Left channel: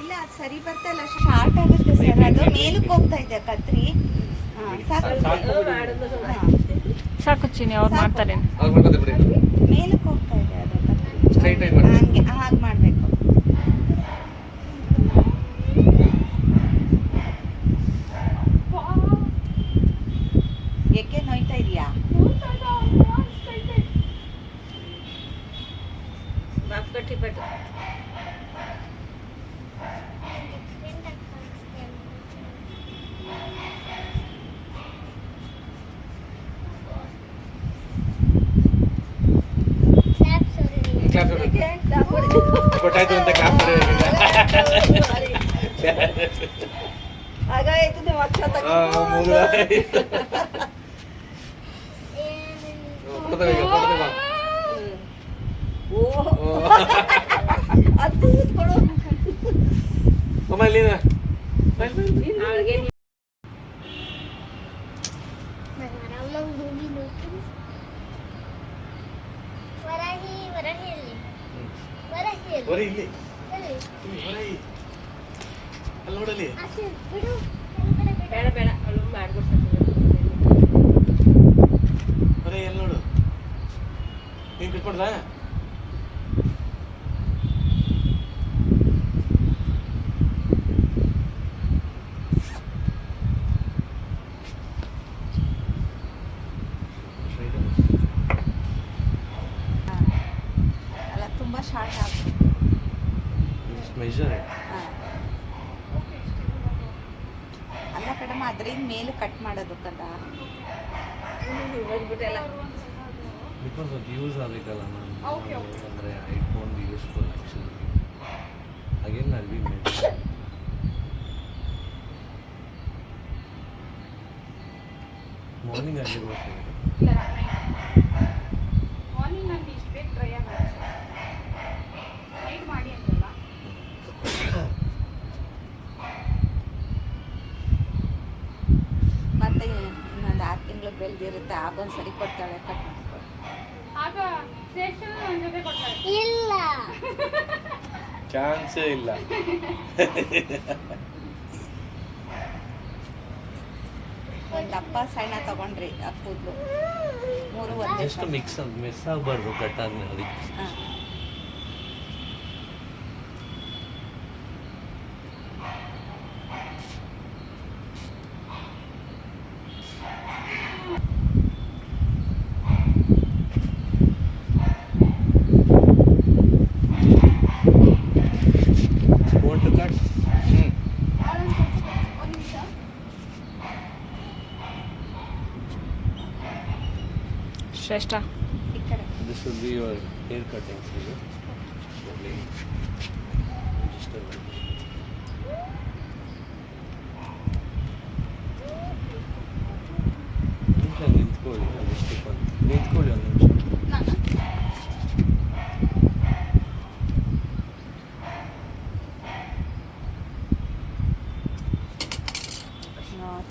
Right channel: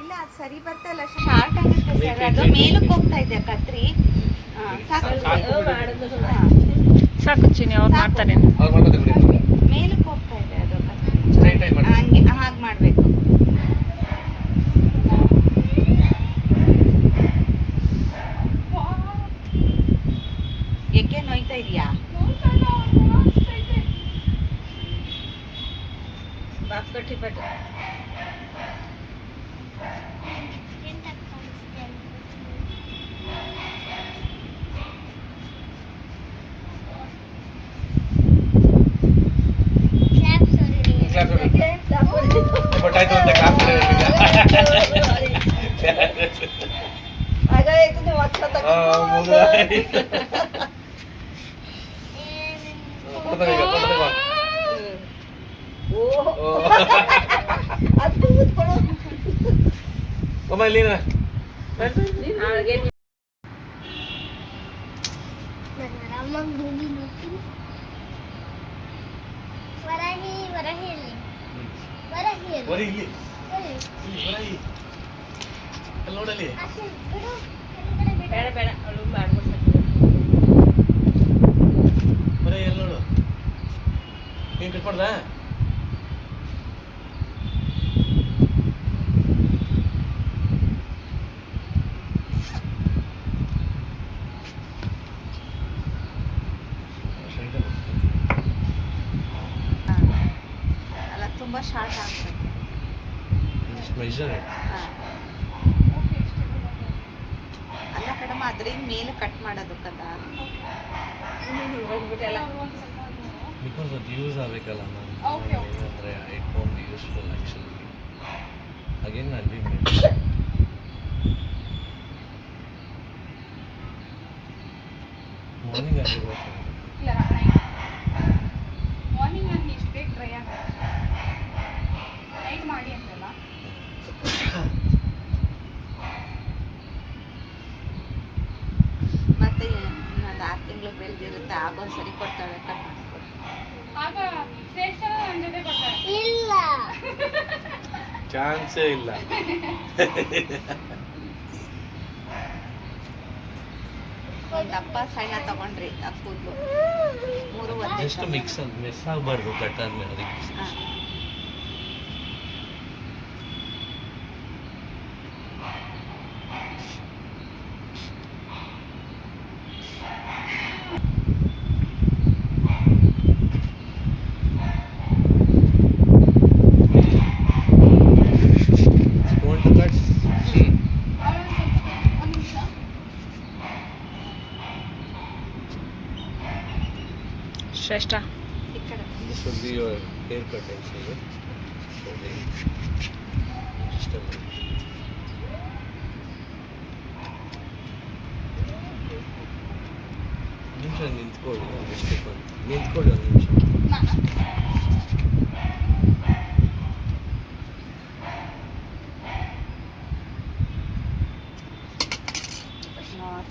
ಇಲ್ಲ ಅದು ಸರಿ ಬರ್ತಲ್ಲ, ಶಾರ್ಟ್ ಆಗುತ್ತೆ ಸರ್. ಅದು ಮೇಲಕ್ಕೆ ಹೋಗ್ತಾ ಇದೆ ಕತ್ರಿ. ಸಾಕು ಚಿನಿ, ಅವ್ರು ಮಾಡ್ತಾರೆ. ಮೇಲಕ್ಕೆ ಹೋಗ್ತಾ ಇದೆ ಅದು ಕತ್ರಿ. ಹಂಗೆ ಹಾಗೆ ಮಾಡಬೇಕು. ಏಕೆ ನೋಯ್ತಾ ಇದೆಯಾ? ಗೊತ್ತಾಯ್ತು ಅಂತ ನೋಡಲಿ ಬೇಡ ಅವಳು ಮಾಡ್ಬಿಡ್ತಾರೆ. ಎಲ್ಲಿ ನೋಡು, ನೀನು ಬಿಟ್ಕೊಡ್ದ? ಅಲ್ಲ, ತುಂಬ ಶಾರ್ಟ್ ಆಗ್ತದೆ. ಅಲ್ಲ ಕಡಮ, ಅದ್ರಿಂದ ಮೇಲೆ ಕಟ್ ಮಾಡೋದಕ್ಕಲ್ಲ. ಬಿಕಾಸ್ ಅದು ಯೂಸ್ ಆಗಬೇಕಲ್ಲ ನಾನು, ಅಂದರೆ it won't be useful actually. Again I will be morning ಆಗಿರ್ಬೇಕು. ಮಾರ್ನಿಂಗ್ ನಾನು ಇಷ್ಟು ಬೇಗ ಡ್ರೈ ಆಗುತ್ತೆ, ನೈಟ್ ಮಾಡಿ ಅಂತಲ್ಲ. ಮತ್ತೆ ಇನ್ನೊಂದು 6 ತಿಂಗಳು ಬೆಳೆದಿರುತ್ತೆ, ಆಗೊಂದು ಸರಿ ಕೊಡ್ತಾಳೆ ಕಟ್ ಮಾಡ್ಕೊಡು. ಆಗ ಶ್ರೇಷ್ಠ ನನ್ನ ಜೊತೆ ಬರ್ತಾರೆ. ಇಲ್ಲ, ಚಾನ್ಸೇ ಇಲ್ಲ. ಒಂದು ಅಪ್ಪ ಸಣ್ಣ ತಗೊಂಡ್ರಿ ಆ ಕೂದಲು 3 ಜಸ್ಟ್ ಮಿಸ್ ಆಗಬಾರ್ದು ಕಟ್ ಆದ್ಮೇಲೆ ಅದಕ್ಕೆ. ಶ್ರೇಷ್ಠ, This will be your haircut also. ನಿಂತ್ಕೊಳ್ಳಿ ಒಂದು ನಿಮಿಷ.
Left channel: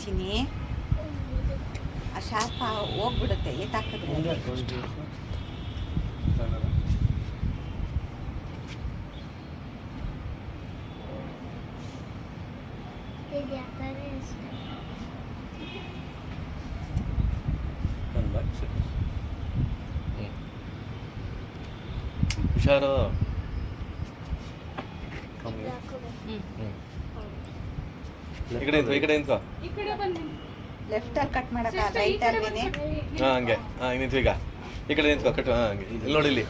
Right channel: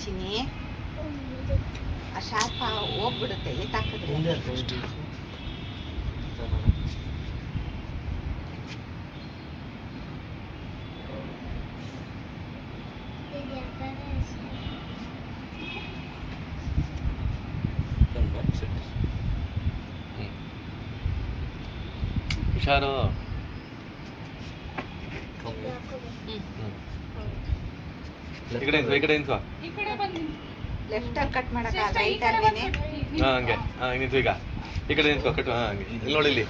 ಚಿನಿ ಆ ಶಾಪ ಹೋಗ್ಬಿಡುತ್ತೆ ಎಲ್ಲಿ ತಾಕಿದ್ರೆ. ಹುಷಾರು. ಈ ಕಡೆ ನಿಂತ್ಕೋ. ಈ ಕಡೆ ಬಂತೀನಿ. ಲೆಫ್ಟ್ ಅಲ್ಲಿ ಕಟ್ ಮಾಡಕ ರೈಟ್ ಅಲ್ಲಿನೇ. ಹಂಗೆ ನಿಂತು ಈಗ ಈ ಕಡೆ ನಿಂತ್ಕೋ. ಕಟ್ ಇಲ್ಲಿ ನೋಡಿ, ಇಲ್ಲಿ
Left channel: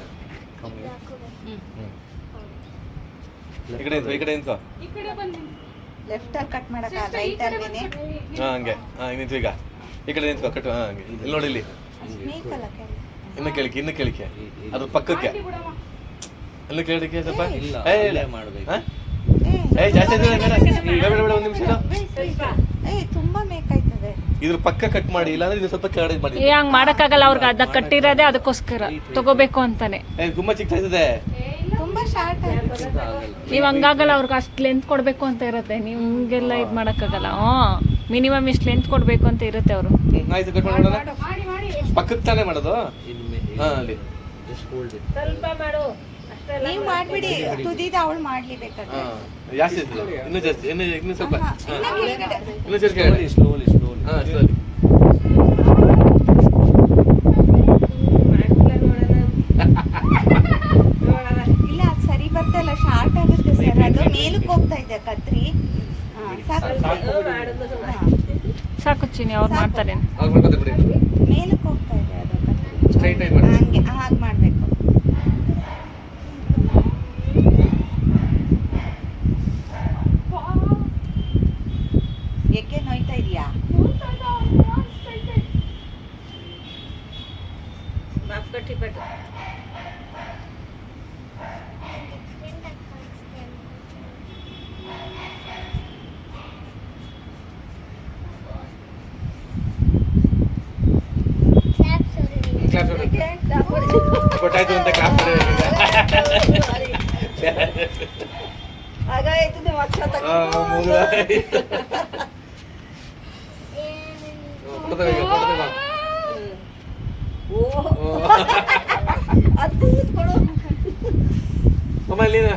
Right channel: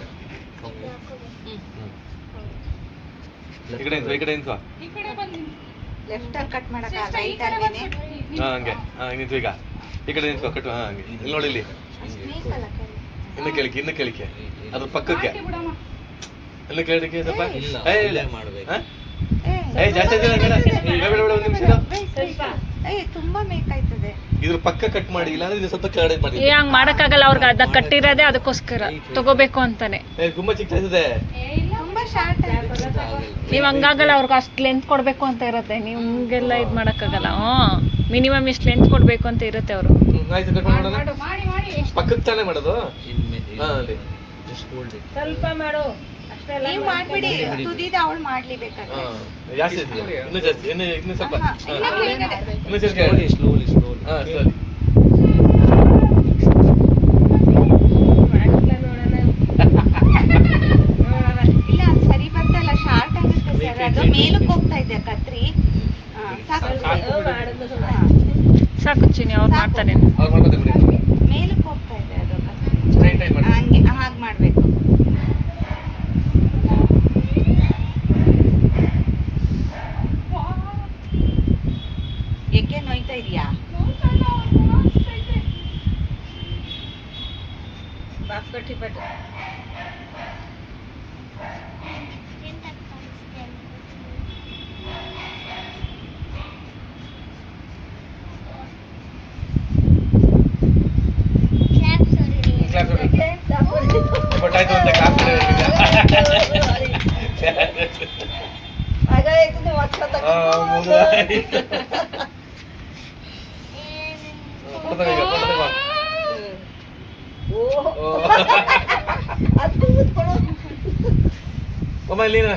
ಈ ಕಡೆ ನಿಂತ್ಕೋ. ಈ ಕಡೆ ಬಂತೀನಿ. ಲೆಫ್ಟ್ ಅಲ್ಲಿ ಕಟ್ ಮಾಡಕ ರೈಟ್ ಅಲ್ಲಿನೇ. ಹಂಗೆ ನಿಂತು ಈಗ ಈ ಕಡೆ ನಿಂತ್ಕೋ. ಕಟ್ ಇಲ್ಲಿ ನೋಡಿ, ಇಲ್ಲಿ ಇನ್ನು ಕೇಳಿಕೆ ಅದ್ರ ಪಕ್ಕಕ್ಕೆ ಇನ್ನು ಕೇಳಿಕೆ ಸ್ವಲ್ಪ ಜಾಸ್ತಿ ಒಂದು ನಿಮಿಷ ತುಂಬಾ ಮೇಕಾಯ್ತದೆ. ಇದ್ರ ಪಕ್ಕ ಕಟ್ ಮಾಡಿ, ಇಲ್ಲಾಂದ್ರೆ ಇದು ಸ್ವಲ್ಪ ಕೆಳಗಡೆ ಮಾಡಿ. ಹಂಗ್ ಮಾಡಕ್ಕಾಗಲ್ಲ, ಅವ್ರಿಗೆ ಅದ ಕಟ್ಟಿರೋದೇ ಅದಕ್ಕೋಸ್ಕರ ತಗೋಬೇಕು ಅಂತಾನೆ. ತುಂಬಾ ಚಿಕ್ಕದಿದೆ, ತುಂಬಾ ಶಾರ್ಟ್ ಆಯ್ತು. ನೀವ್ ಹಂಗಾಗಲ್ಲ, ಅವ್ರಿಗೆ ಅಷ್ಟು ಲೆಂತ್ ಕೊಡ್ಬೇಕು ಅಂತ ಇರುತ್ತೆ. ನೀವು ಹಿಂಗೆಲ್ಲ ಇದು ಮಾಡಕ್ಕಾಗಲ್ಲ. ಮಿನಿಮಮ್ ಇಷ್ಟು ಲೆಂತ್ ಕೊಡ್ಬೇಕು ಅಂತ ಇರುತ್ತೆ ಅವರು. ಆಯ್ತು, ಕಟ್ ಮಾಡೋಣ. ಪಕ್ಕಕ್ಕೆ ತಾನೇ ಮಾಡೋದು. ಅಲ್ಲಿ ಸ್ವಲ್ಪ ಮಾಡು ಅಷ್ಟೇ. ನೀವ್ ಮಾಡ್ಬಿಡಿ, ತುದಿದ ಅವಳು ಮಾಡ್ಲಿ ಬೇಕಾದ್ರೆ. ಜಾಸ್ತಿ ಇತ್ತು. ಇನ್ನೂ ಜಾಸ್ತಿ ಇನ್ನೂ ಸ್ವಲ್ಪ ಹಾ, ಇನ್ನ ಕೆಳಗಡೆ. ಇನ್ನೂ ಜಾಸ್ತಿ ಸ್ಲೋಲಿ ಹಾಂ ಸ್ಲೋಲಿ ಇಲ್ಲ ಅದು ಸರಿ ಬರ್ತಲ್ಲ, ಶಾರ್ಟ್ ಆಗುತ್ತೆ ಸರ್. ಅದು ಮೇಲಕ್ಕೆ ಹೋಗ್ತಾ ಇದೆ ಕತ್ರಿ. ಹಾ, ಸಾಕು. ಹಾ, ಸಾಕು ಚಿನಿ, ಅವ್ರು ಮಾಡ್ತಾರೆ. ಅವ್ರು ಮಾಡ್ಕೊತಾರೆ ಬಿಡಿ. ಮೇಲಕ್ಕೆ ಹೋಗ್ತಾ ಇದೆ ಅದು ಕತ್ರಿ. Straight ಆಗಿ ಮಾಡಿ. ಹಂಗೆ ಹಾಗೆ ಮಾಡ್ಬೇಕು. ಏಕೆ ನೋಯ್ತಾ ಇದೆಯಾ? ಕೊಟ್ಟಾಯ್ತು ಅಂತ ಕಾಫಿ ಮೊಬೈಲ್ ನೀನು